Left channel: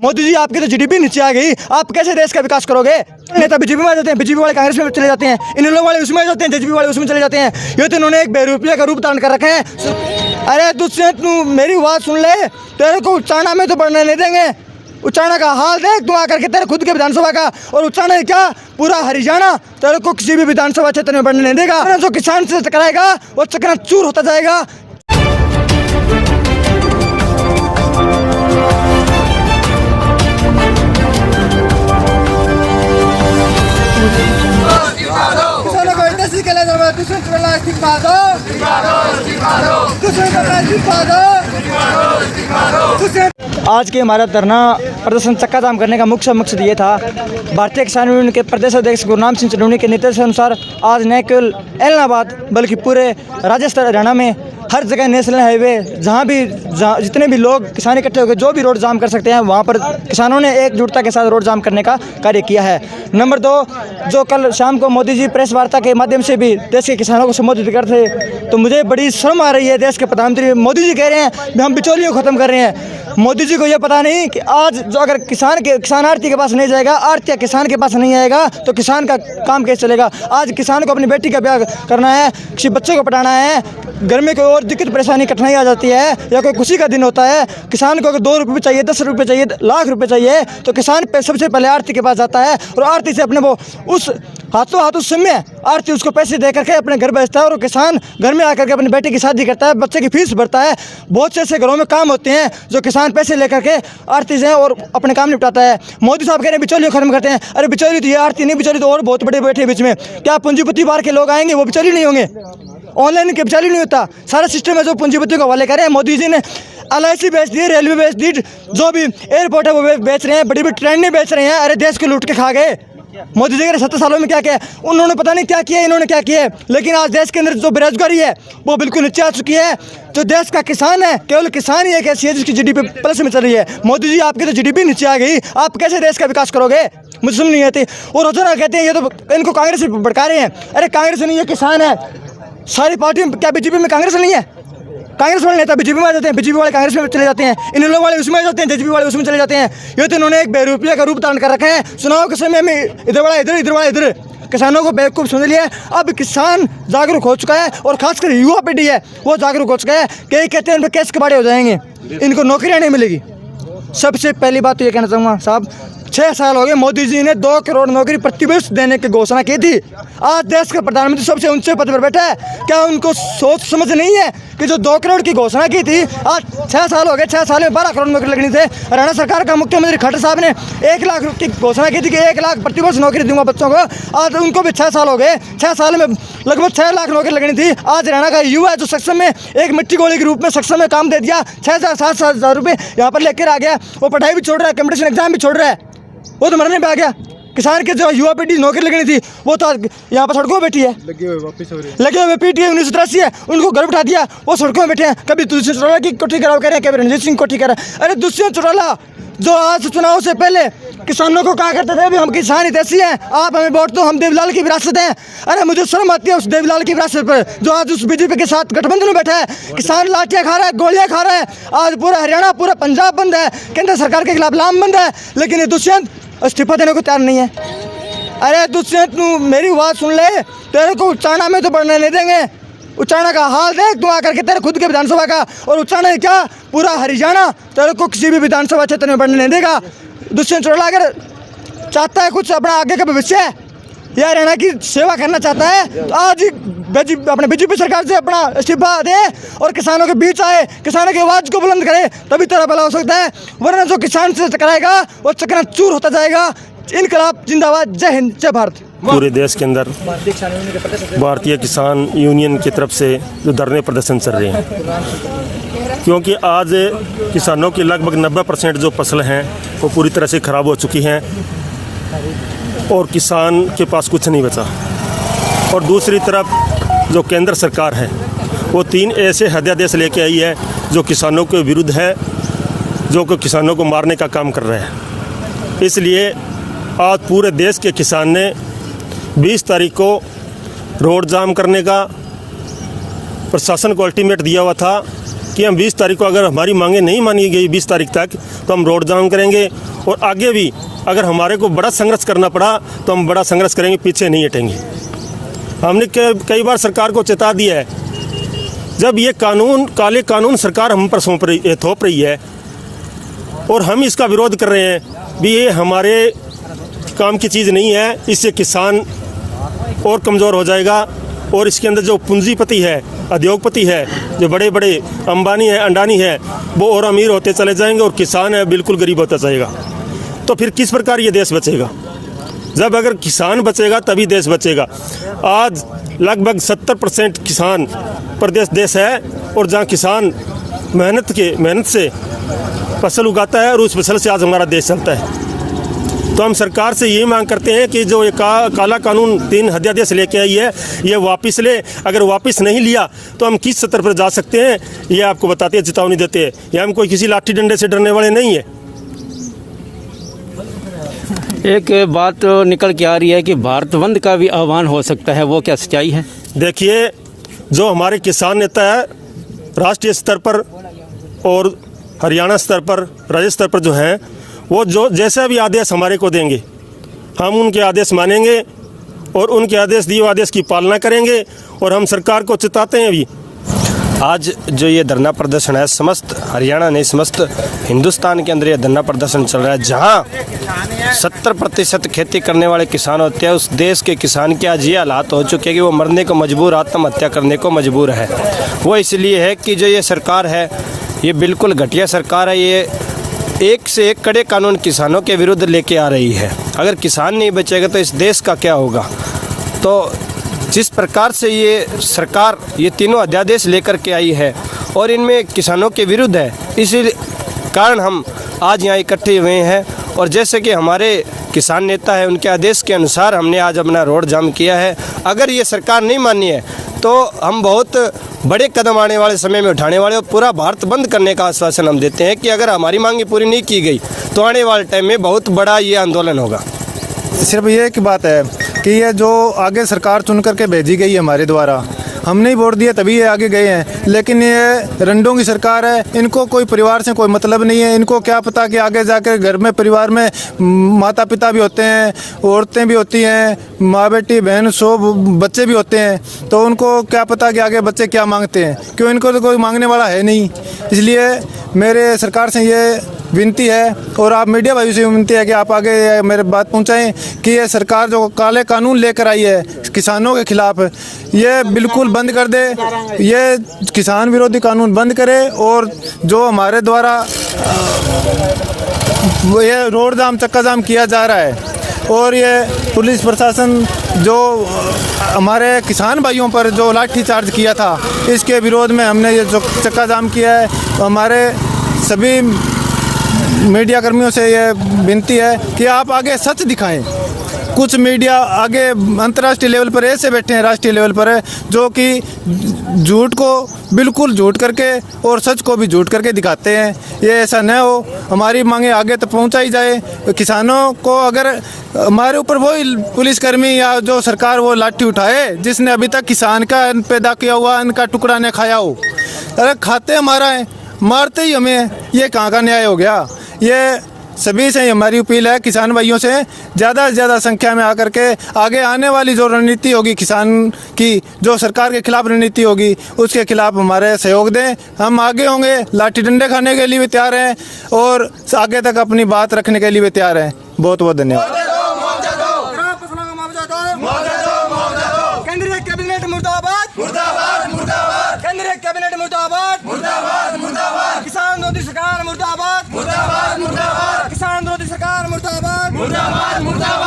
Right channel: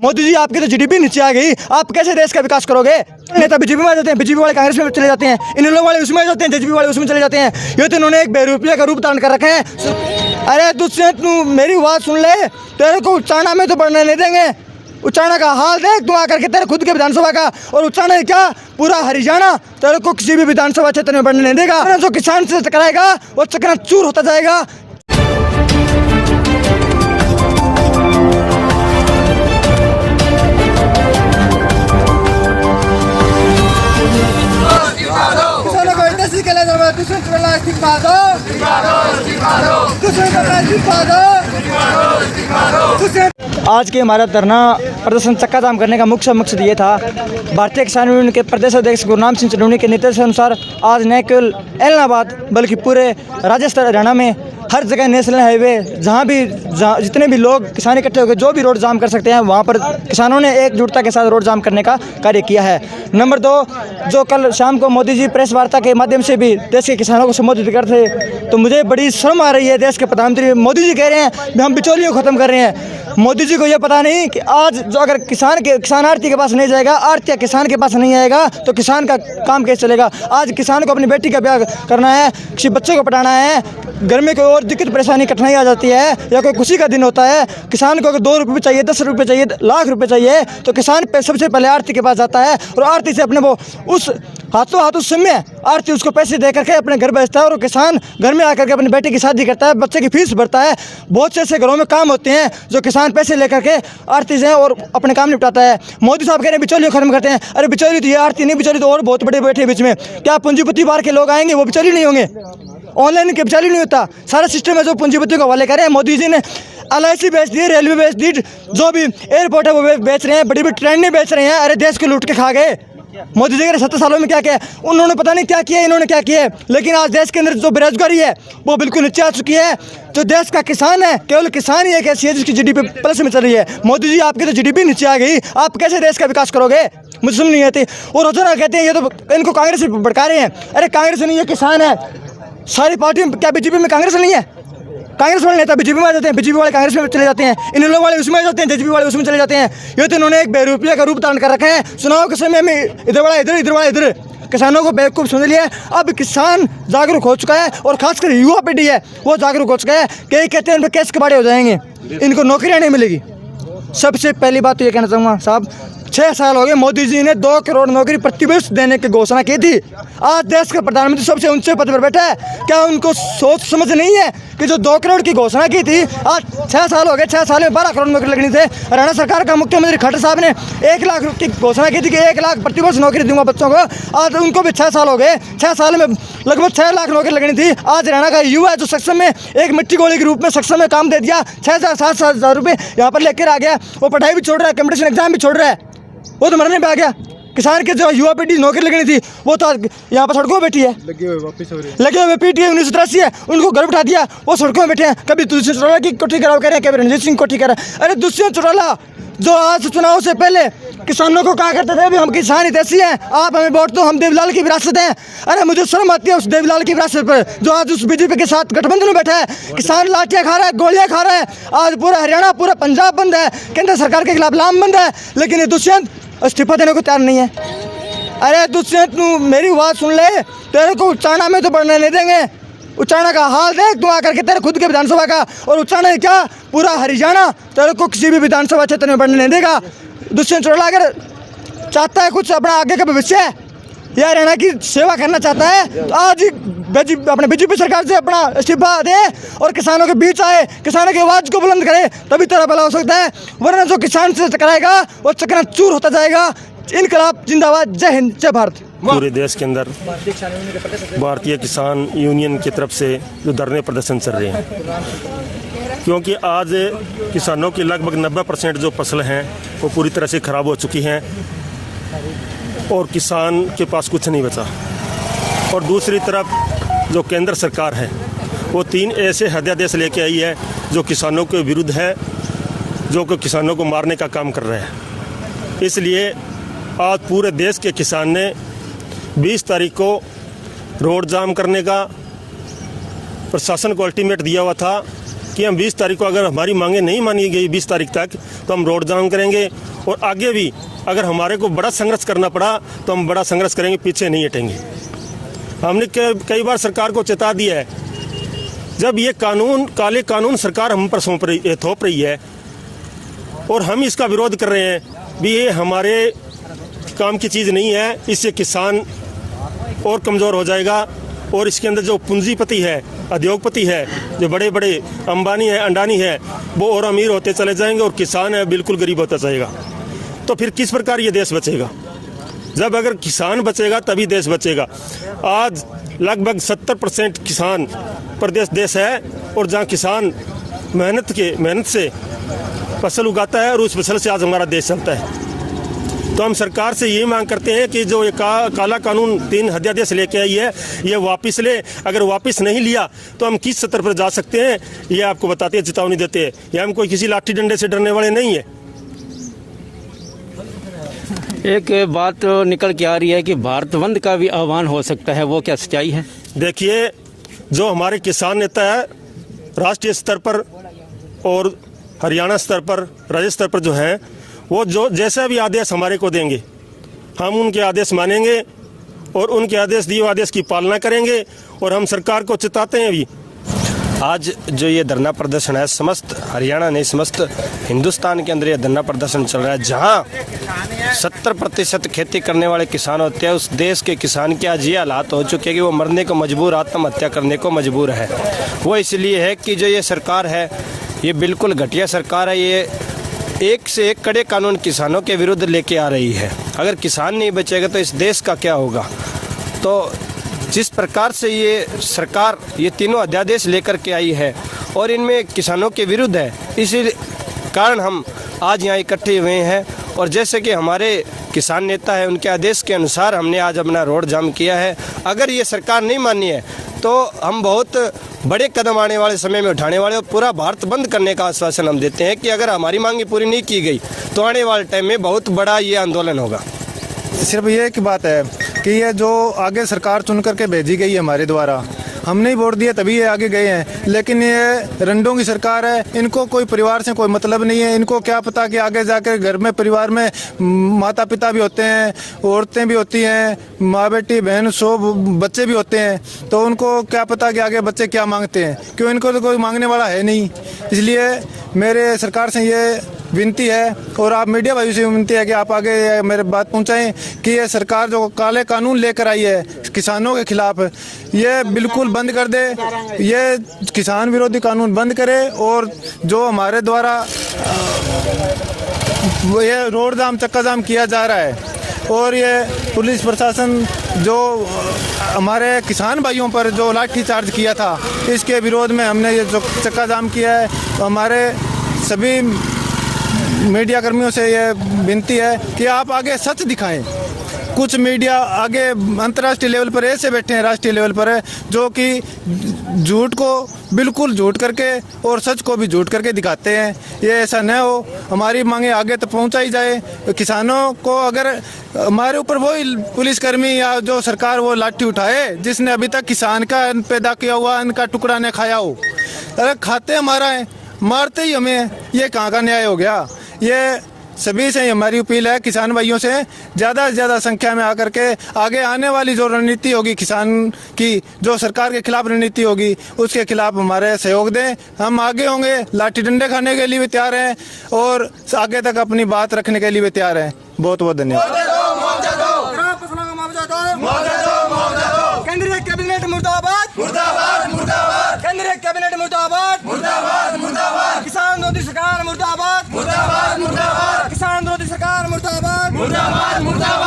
मोदी जी आपकी तो जीडीपी नीचे आ गई, आप कैसे देश का विकास करोगे? नेता बीजेपी में आ जाते हैं, बीजेपी वाले कांग्रेस में चले जाते हैं, इन लोगों वाले उसमें जाते हैं, जेजेपी वाले उसमें चले जाते हैं। ये तो इन्होंने एक बेरूपिया का रूप धारण कर रखे हैं। अरे तुझसे तू मेरी बात सुन ले, तेरे को उच्चारणा में तो बढ़ने नहीं देंगे। उच्चारणा का हाल देख तू आकर के, तेरे खुद के विधानसभा का, और उच्चारणा क्या पूरा हरियाणा तेरे को किसी भी विधानसभा क्षेत्र में बढ़ने नहीं देगा। जो किसान से टकराएगा वो चकनाचूर होता जाएगा। किसानों को इंडस्ट्री के लिए आज के हमारा धरना प्रदर्शन चक्का जाम करने का मुख्य मकसद ये था। भारतीय किसान यूनियन के प्रदेश अध्यक्ष गुरनाम सिंह चंदौनी के निर्देशानुसार आज न केवल एलनाबाद बल्कि पूरे राजस्थान हरियाणा में हर जगह नेशनल हाईवे जहाँ जितने भी लोग किसान इकट्ठे होकर जो भी रोड जाम कर सकते हैं, वहाँ पर किसानों ने एकजुटता के साथ रोड जाम करने का कार्य किया है। नंबर 2, जो कल शाम को मोदी जी प्रेस वार्ता के माध्यम से भी देश के किसानों को संबोधित करते, तो मुझे बड़ी शर्म आ रही है। देश के प्रधानमंत्री मोदी जी कह रहे हैं कि हम बिचौलियों को खत्म कर रहे हैं। मोदी जी को यह पता नहीं कि आज जो अगर किसान आड़ती के पास नहीं जाएगा, आड़ती किसान के पास नहीं आएगा, तो किसान का काम कैसे चलेगा? आज किसान को अपनी बेटी का ब्याह करना है, किसी बच्चे को पढ़ाना है, घर में कोई और दिक्कत परेशानी कठिनाई आ जाती है, या कोई खुशी का दिन होता है, किसान को अगर 2 रुपये चाहिए, 10 रुपये चाहिए, लाख रुपए चाहिए, तो किसान पे सबसे पहले आड़ती के पास जाता है, और आड़ती से अपने वो उस हाथों हाथ उस समय आड़ती उसको पैसे दे करके अपने घर भेजता है, और किसान घर में आकर के अपनी बेटी की शादी करता है, बच्चे की फीस भरता है। बहुत से ऐसे घरों में काम होते हैं जो किसान पैसे लेकर के आड़ती से और अपने काम निपटाता है। मोदी साहब कह रहे हैं बिचौलियों खत्म करते हैं। अरे बिचौली तो ये आड़ती नहीं, बिचौली तो और बहुत बड़े बैठे बीच में। क्या पूंजीपति बाहर के लोग आएंगे वो बिचौली नहीं होंगे? ऑनलाइन के बिचौली नहीं होता। सारा सिस्टम है जो पूंजीपति को हवाले करें। मोदी जी ने LIC बेच दी, रेलवे बेच दी, जो भी एयरपोर्ट है वो बेच रहे हैं, बड़ी बड़ी ट्रेनें बेच रहे हैं। अरे देश को लूट के खा गए। मोदी जी के 70 सालों में क्या किया? उन्होंने पता नहीं क्या किया, इन्होंने क्या किया। लेकिन आज देश के अंदर जो बेरोजगारी है वो बिल्कुल नीचे आ चुकी है। जो देश का किसान है, केवल किसान ही एक ऐसी है जिसकी जीडीपी प्लस में चल रही है। मोदी जी आपकी तो जीडीपी नीचे आ गई, आप कैसे देश का विकास करोगे? मुझे समझ नहीं आती। और रोजाना कहते हैं ये तो इनको कांग्रेस भड़का रहे हैं। अरे कांग्रेस नहीं है, किसान है। सारी पार्टियों क्या बीजेपी में कांग्रेस नहीं है? कांग्रेस वाले नेता बीजेपी में आ जाते हैं, बीजेपी वाले कांग्रेस में चले जाते हैं, इन लोगों वाले उसमें जाते हैं, जेजेपी वाले उसमें चले जाते हैं। ये तो इन्होंने एक बेरूपिया का रूप धारण कर रखे हैं। चुनाव के समय में इधर वाला इधर, इधर वाला इधर, किसानों को बेवकूफ़ समझ लिया। अब किसान जागरूक हो चुका है, और खासकर युवा पीढ़ी है वो जागरूक हो चुका है। कई कहते हैं इन पर केस कबाड़े हो जाएंगे, इनको नौकरियाँ नहीं मिलेगी। सबसे पहली बात तो ये कहना चाहूँगा साहब, 6 साल हो गए मोदी जी ने 2 करोड़ नौकरी प्रतिवर्ष देने की घोषणा की थी। आज देश के प्रधानमंत्री सबसे ऊंचे पद पर बैठा है। क्या उनको सोच समझ नहीं है कि जो 2 करोड़ की घोषणा की थी, आज 6 साल हो गए, 6 साल में 12 करोड़ नौकरी लगनी थी। हरियाणा सरकार का मुख्यमंत्री खट्टर साहब ने 1 लाख की घोषणा की थी कि 1 लाख प्रतिवर्ष नौकरी दूंगा बच्चों को। आज उनको भी 6 साल हो गए, 6 साल में लगभग 6 लाख नौकरी लगनी थी। आज हरियाणा का युवा जो सक्षम में एक मिट्टी गोली के रूप में सक्षम में काम दे दिया, 6,000 7,000 रुपये यहाँ पर लेकर आ गया। वो पढ़ाई भी छोड़ रहा है, कॉम्पिटिशन एग्जाम भी छोड़ रहा है, वो तो मरने पे आ गया। किसान के जो युवा पीढ़ी नौकरी लगनी थी वो तो यहाँ पर सड़कों में बैठी है, लगे हुए पीटी है। 1983 है, उनको घर बिठा दिया, वो सड़कों में बैठे हैं। कभी दुष्यंत चौटाला की कोठी कराव करें, कभी रणजीत सिंह कोठी करें। अरे दुष्यंत चौटाला जो आज चुनाव से पहले किसानों को कहा करते थे अभी हम किसान ही ऐसी हैं, आप हमें वोट दो, हम देवलाल की विरासत हैं। अरे मुझे शर्म आती है उस देवलाल की विरासत पर जो आज उस बीजेपी के साथ गठबंधन में बैठा है। किसान लाठियाँ खा रहा है, गोलियाँ खा रहा है। आज पूरा हरियाणा, पूरा पंजाब बंद है, केंद्र सरकार के खिलाफ लाम बंद है, लेकिन ये दुष्यंत इस्तीफा देने को तैयार नहीं है। अरे दुष्यंत तू मेरी बात सुन ले, तेरे को उच्चारणा में तो बढ़ने नहीं देंगे। उच्चारणा का हाल देख तू आकर के, तेरे खुद के विधानसभा का, और उच्चारणा क्या पूरा हरियाणा तेरे को किसी भी विधानसभा क्षेत्र में बढ़ने नहीं देगा। दुष्यंत चौटाला अगर चाहता है कुछ अपना आगे का भविष्य या हरियाणा की सेवा करना चाहता है तो आज ही अपने बीजेपी सरकार से अपना इस्तीफा दे और किसानों के बीच आए, किसानों की आवाज़ को बुलंद करे, तभी तेरा भला हो सकता है। वरना जो किसान से टकराएगा वो चकनाचूर होता जाएगा। इनकलाब जिंदाबाद, जय हिंद, जय भारत। पूरे देश के अंदर भारतीय किसान यूनियन की तरफ से जो धरने प्रदर्शन चल रहे हैं, क्योंकि आज किसानों की लगभग 90% जो फसल हैं वो पूरी तरह से ख़राब हो चुकी हैं और किसान के पास कुछ नहीं बचा। और दूसरी तरफ जो केंद्र सरकार है वो 3 ऐसे अध्यादेश लेके आई है जो किसानों के विरुद्ध है, जो कि किसानों को मारने का काम कर रहे हैं। इसलिए आज पूरे देश के किसान ने 20 तारीख को रोड जाम करने का प्रशासन को अल्टीमेट दिया हुआ था कि हम 20 तारीख को अगर हमारी मांगें नहीं मानी गई 20 तारीख तक तो हम रोड जाम करेंगे और आगे भी अगर हमारे को बड़ा संघर्ष करना पड़ा तो हम बड़ा संघर्ष करेंगे, पीछे नहीं हटेंगे। हमने कई बार सरकार को चेता दिया है, जब ये काले कानून सरकार हम पर थोप रही है और हम इसका विरोध कर रहे हैं भी, ये हमारे काम की चीज़ नहीं है, इससे किसान और कमज़ोर हो जाएगा और इसके अंदर जो पूंजीपति है, उद्योगपति है, जो बड़े बड़े अंबानी है, अंडानी है, वो और अमीर होते चले जाएंगे और किसान है बिल्कुल गरीब होता जाएगा। तो फिर किस प्रकार ये देश बचेगा? जब अगर किसान बचेगा तभी देश बचेगा। आज लगभग 70% किसान प्रदेश देश है और जहाँ किसान मेहनत से फसल उगाता है और उस फसल से आज हमारा देश चलता है। तो हम सरकार से ये मांग करते हैं कि जो ये काला कानून 3 अध्यादेश लेके आई है, ये वापस ले। अगर वापस नहीं लिया तो हम किस स्तर पर जा सकते हैं ये आपको बताते हैं, चेतावनी देते हैं। ये हम कोई किसी लाठी डंडे से डरने वाले नहीं है। एक बात निकल के आ रही है कि भारत बंद का भी आह्वान हो सकता है, वो क्या सच्चाई है? देखिए, जो हमारे किसान नेता है राष्ट्रीय स्तर पर और हरियाणा स्तर पर, राज्य स्तर पर जो हैं, वो जो जैसा भी आदेश हमारे को देंगे हम उनके आदेश मानेंगे और उनके आदेश दिए आदेश की पालना करेंगे। और हम सरकार को चेताते हैं भी। आज जो ये धरना प्रदर्शन है, समस्त हरियाणा नहीं समस्त हिंदुस्तान के अंदर ये धरना प्रदर्शन चल रहा है, जहां 70% खेती करने वाले किसान होते हैं। उस देश के किसान के आज ये हालात हो चुके हैं कि वो मरने को मजबूर, आत्महत्या करने को मजबूर है। वो इसलिए है कि जो ये सरकार है ये बिल्कुल घटिया सरकार है। ये एक से एक कड़े कानून किसानों के विरुद्ध लेके आ रही है। अगर किसान नहीं बचेगा तो इस देश का क्या होगा? तो जिस प्रकार से ये सरकार ये तीनों अध्यादेश लेकर के आई है और इनमें किसानों के विरुद्ध है, इसी कारण हम आज यहाँ इकट्ठे हुए हैं। और जैसे कि हमारे किसान नेता है, उनके आदेश के अनुसार हमने आज अपना रोड जाम किया है। अगर ये सरकार नहीं मानी है तो हम बहुत बड़े कदम आने वाले समय में उठाने वाले और पूरा भारत बंद करने का आश्वासन हम देते हैं कि अगर हमारी मांगे पूरी नहीं की गई तो आने वाले टाइम में बहुत बड़ा ये आंदोलन होगा। सिर्फ ये एक बात है कि ये जो आगे सरकार चुन करके भेजी गई है हमारे द्वारा, हमने ही वोट दिया तभी ये आगे गए हैं। लेकिन ये रंडों की सरकार है, इनको कोई परिवार से कोई मतलब नहीं है। इनको क्या पता कि आगे जाकर घर में परिवार में माता पिता भी होते हैं, औरतें भी होती हैं, माँ बेटी बहन सब बच्चे भी होते हैं। तो उनको क्या पता कि आगे बच्चे क्या मांगते हैं, क्यों? इनको तो कोई मांगने वाला है नहीं। इसलिए मेरे सरकार से ये विनती है और आप मीडिया भाइयों से विनती है कि आप आगे मेरे बात पहुंचाएं कि ये सरकार जो काले कानून लेकर आई है किसानों के खिलाफ, ये बिल्कुल बंद कर दे। ये किसान विरोधी कानून बंद करे और जो हमारे द्वारा ये रोड जाम चक्का जाम किया जा रहा है और ये पुलिस प्रशासन जो हमारे किसान भाइयों पर जो लाठी चार्ज किया था, इसके विरोध में हमने ये जो चक्का जाम किया है। हमारे सभी मीडिया कर्मियों से ये विनती है कि आप आगे सच दिखाएं। कुछ मीडिया आगे अंतर्राष्ट्रीय लेवल पर ऐसे बैठे हैं, राष्ट्रीय लेवल पर है, जो कि झूठ को बिल्कुल झूठ करके और सच को भी झूठ करके दिखाते हैं। ये ऐसा न हो, हमारी मांगे आगे तक पहुंचाई जाए। किसानों को अगर हमारे ऊपर वही पुलिसकर्मी या जो सरकार वो लाठी उठाए जिसने अभी तक किसान का अन्न पैदा किया हुआ अन्न का टुकड़ा न खाया हो, अरे खाते हमारा है, मारते ही हमें, ये कहाँ का न्याय हो गया? ये सभी से हमारी अपील है, किसान भाइयों से ज़्यादा से ज़्यादा संख्या में आकर के आगे आने वाली जो रणनीति होगी किसान की, जो सरकार के खिलाफ रणनीति होगी, उसके खिलाफ हमारे सहयोग दें। हम आगे होंगे, लाठी डंडे खाने के लिए भी तैयार हैं और आगे तक अपनी बात रखने के लिए भी तैयार हैं। बहुत बहुत धन्यवाद। केंद्रीय कैबिनेट मुर्दाबाद, मुर्दाबाद, मुर्दाबाद। केंद्रीय कैबिनेट मुर्दाबाद, मुर्दाबाद, मुर्दाबाद। किसान विरोधी सरकार मुर्दाबाद, मुर्दाबाद, मुर्दाबाद। किसान विरोधी सरकार मुर्दाबाद, मुर्दाबाद, मुर्दाबाद।